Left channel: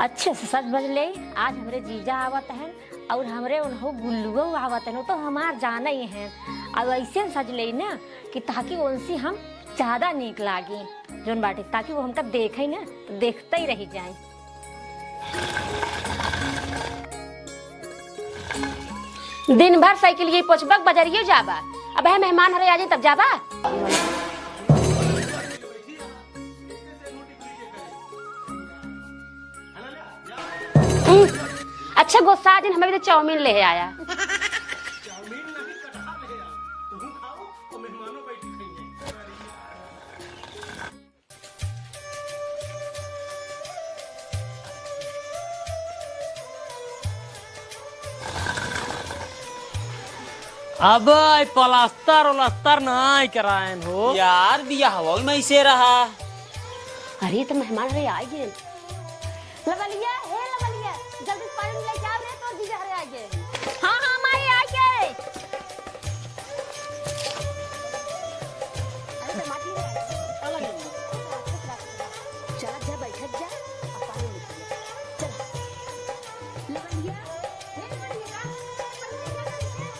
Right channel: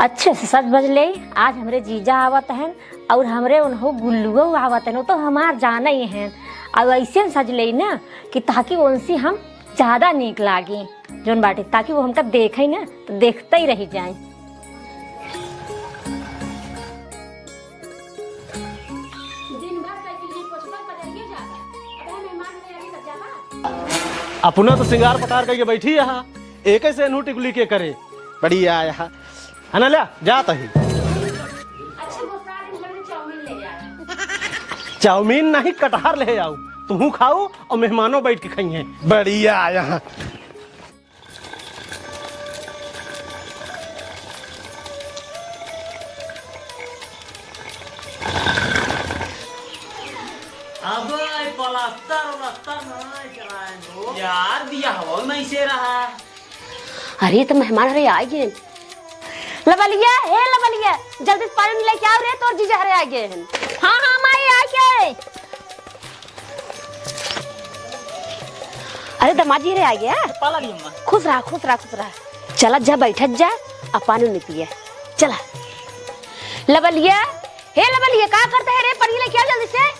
अच्छे से सच बजले। आज हमरे जीजा आवत हैं और हमरे उन्हों गुल्लुओ आवत हैं, तो हमार जाना ही हैं। और ऐसे सज ले ना कि ताकि उनसे हम ज़्यादा नीक लागे जोन बाटे, ताकि वो हमका देखे ना तो देखते ही रह जाए। दिन भर साइकिल ये पोछबक बजरिए जाबा, अब है मेहमान हरे आजे तब जाबा। अपना तो श्रृंगार पतार करके बैठी यहाँ एक ऐसे नू टिकुली के करे बढ़िया यहाँ है ना। लिया जाता ही अच्छा गुस्सा दिन हमें तो चाउमीन ले आया। चाउमीन नहीं कटहर ले आओ, तुम खाओ और मेहमानों बैठ के खाइए। बढ़िया यहाँ अब प्लास्टर उलास्टर नहीं कराए हो यार, दिया हवा में से रहा। अरे तो मेहमान हरे आ गए। लबलिया हे लबलिया, जल्दी से पानी लेके आओ रे, तो जीजा हरे आ गए हैं। हाँ हाँ माई आ गए। अरे दमाजी हरे आ गया। खुश रहा खुश रहा खुश रहा। चला जा बैठत जा, अब पानी नहीं पिया। चला लबलिया हे लबलिया, क्या करते है रे? पानी लेके आओ जल्दी से।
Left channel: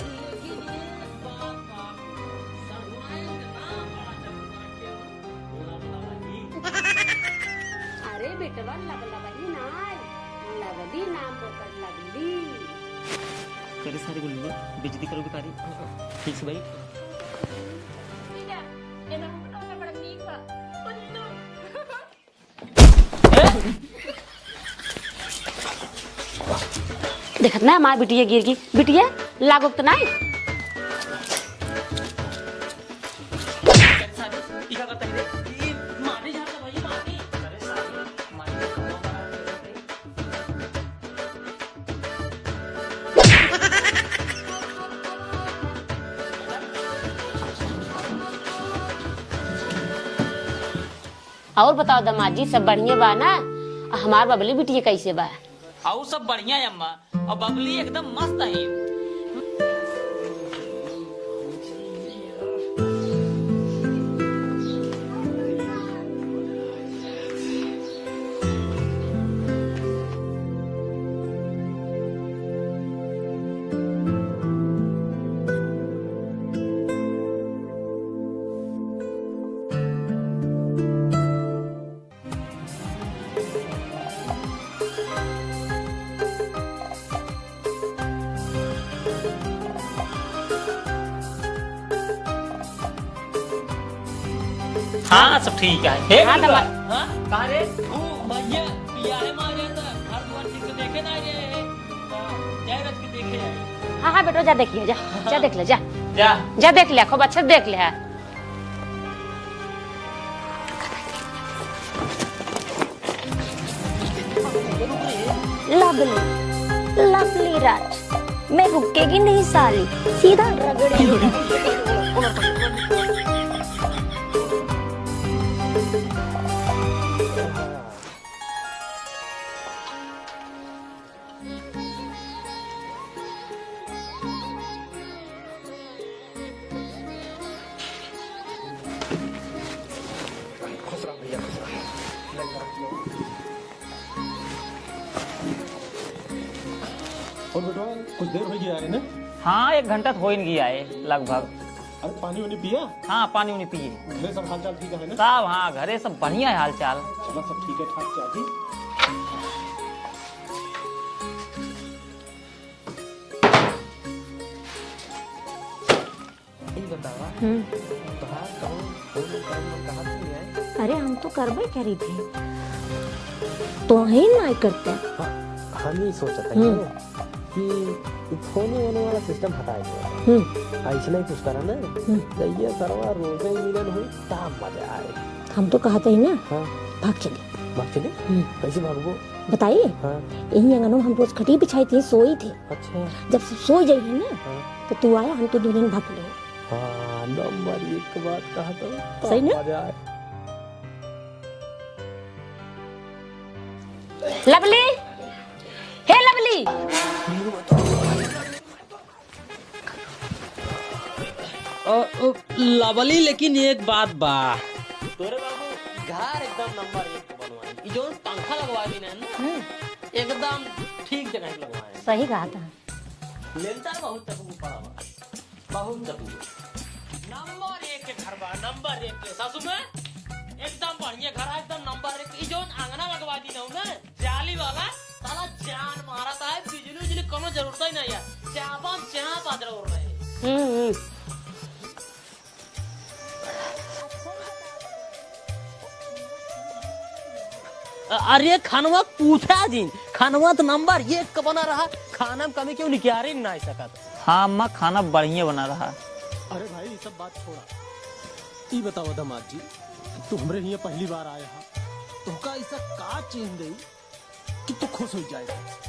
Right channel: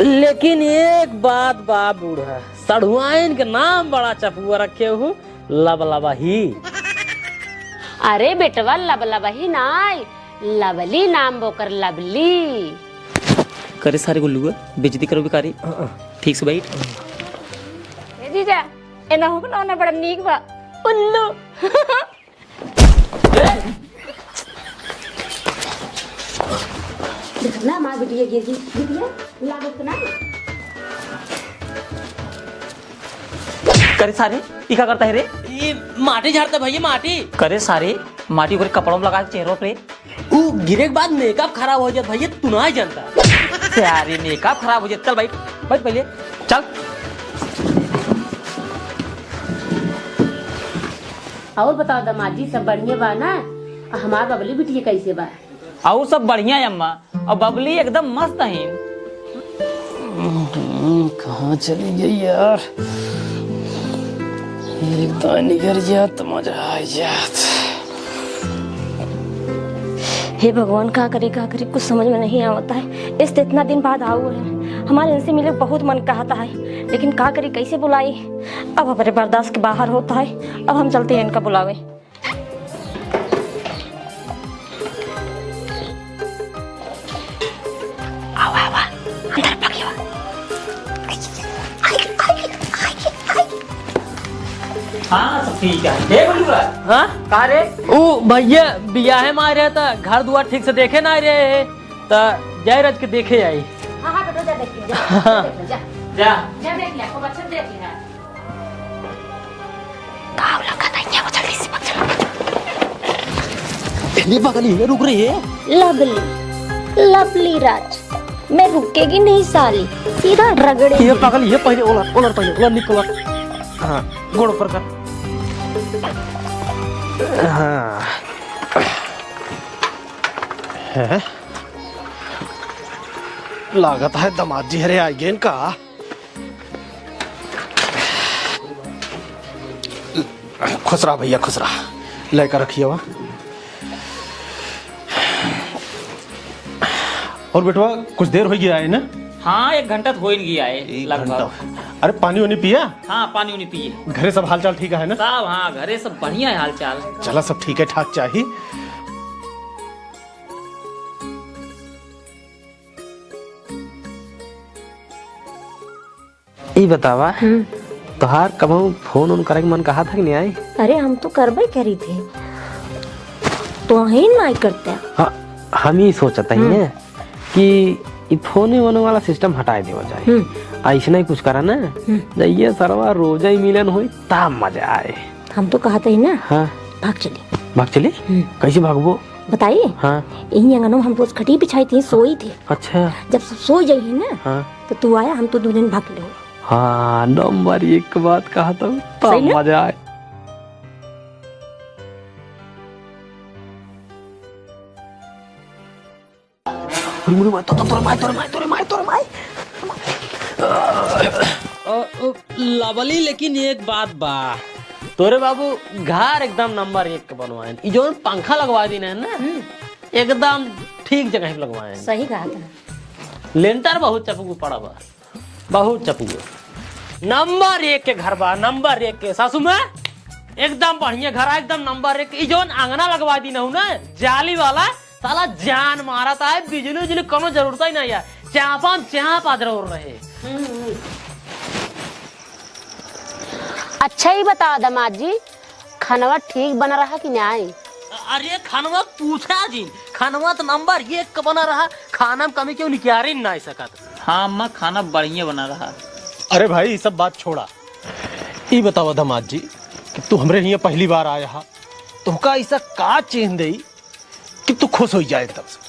लेकिन एक बात बा बूढ़ा, सड़ुआइन के नाम बड़ा चपुआ रखे हो, लबलबही। अरे बेटवा लबलबही नाय, लवली नाम बोकर लवली। करे सारे गुल्लू बेइज्जती करो बेकारी। ठीक से बैठ। ए जीजा एना हो ना बड़ा नीक बा उल्लू। देखत ना मां बिटिया गिर गई, बिटिया लागो तो नहीं। करे सारे ई का करता है रे? ये माटी झाड़ता भैया, माटी करे सारे माटी को कपड़ों में लगा चेहरों पे। वो गिरे के बाद मेकअप खराब हो जाता भैया, तू नहीं जानता। यार मेकअप खराब हो जाता। चल बैठ बैठ पहले चल। और बताओ दमाजी सब बढ़िया बा ना? हमार बबली बिटिया कैसे बा? और सब बढ़िया है अम्मा, और बबली एकदम मस्त है। कहाँ चली गई यार? एक दानी गिर जात तो मजा आ जात। हे भगवान का करे कुछ समझ में नहीं आता है। इस इतना दिन बाद आओ है, हमारे इनसे मिले बहुत मन कहता है, लेकिन का करे कैसे बुलाई? अब हमारे बर्दाश्त के बाहर होता है। अब हम चलते हैं इनका बुलावे। हाँ सब ठीक है। हाँ कहा रे? ओ भैया बियाहे में आ रहे था, घर दुआर ठीक से देखे ना रहे तो जय रज के देखे आई। हाँ हाँ बेटो जा देख लिया, जा देख ले, जा जा देख लिया, खूब अच्छा देख लिया। काव लगा था ये, वो जल्दी से ये बगली है, रुक रही है। लवली लवली राज, मैं रुकेगी नहीं सारी, सीधा रगड़े। ये बगली है, पहले ओलर पहले ओलर निकल। हाँ गोड़ पर कर। हाँ है लागत है दमाजी हरे आ गए इनका। खुसरा भैया खुसरा लेकर रखिए वहाँ। और बेटवा कुछ देर हो गया है ना? हाँ 1 घंटा तो हो ही गया है लगभग। अरे पानी वानी पिया? हाँ पानी उनी पिए। घरे सब हाल चाल ठीक है ना? सब हाँ घरे सब बढ़िया है हाल चाल। चला सब ठीक है ठाक चाहिए। ये बतावा तोहार कबहू फोन उन करे के मन कहा था कि नहीं आई? अरे हम तो करबे करी थे, तो ही नहीं करते। हाँ हम ही सोचते हैं कि ये फोन ही होने वाला सिस्टम हटा दिया जाए। ऐसा नहीं कुछ करा ना, ये सरवा रोज ही मिलन हुई तब मजा आए। हम तो कहते ही ना। हाँ भाग चली। भाग चली? कैसे भागबो बताइए? हाँ यही आंगनों में हम रोज खटी बिछाई थी, सोई थे। अच्छा जब सो जाइए ना हाँ तो तू आया, हम तो 2 दिन भाग ले। हाँ नंबर 1 बात कहा तो सही ना? मजा आए। लवली, हे लवली, लवली, लेकिन एक बात बा, तोरे बाबू घर एकदम नंबर 1 बनवाए। ई जो पंखा लगवा दी ना एकदम ठीक जगह पे लगवाए। सही बात है। लेंटर बहुत चपू पड़ा बा, बहुत चपू। नंबर 1 के घर बा, नंबर 1 के। सासू में एकदम बढ़िया घर है, एकदम नंबर 1। ई जो आंगना लगवा दी ना जाली वाला, साला जान मारा था। बिजली उजली कोनो जरूरत ही नहीं है, चापा जरूर रहे। अच्छा ही बता दामाद जी, खानवा ठीक बना रहा कि नहीं? अरे खानवा पूछा जी, खानवा तो नंबर 1 का बना रहा। खाना में कमी क्यों लिखा रही नहीं सकत। हाँ अम्मा, खाना बढ़िया बना रहा। अरे भाई ये सब बात छोड़ा, ये बताओ दामाद जी कि तू हमरे यहाँ पहली बार आया हा, तुमका ऐसा का चेंज दई कि तू खुश हो जाए तब से?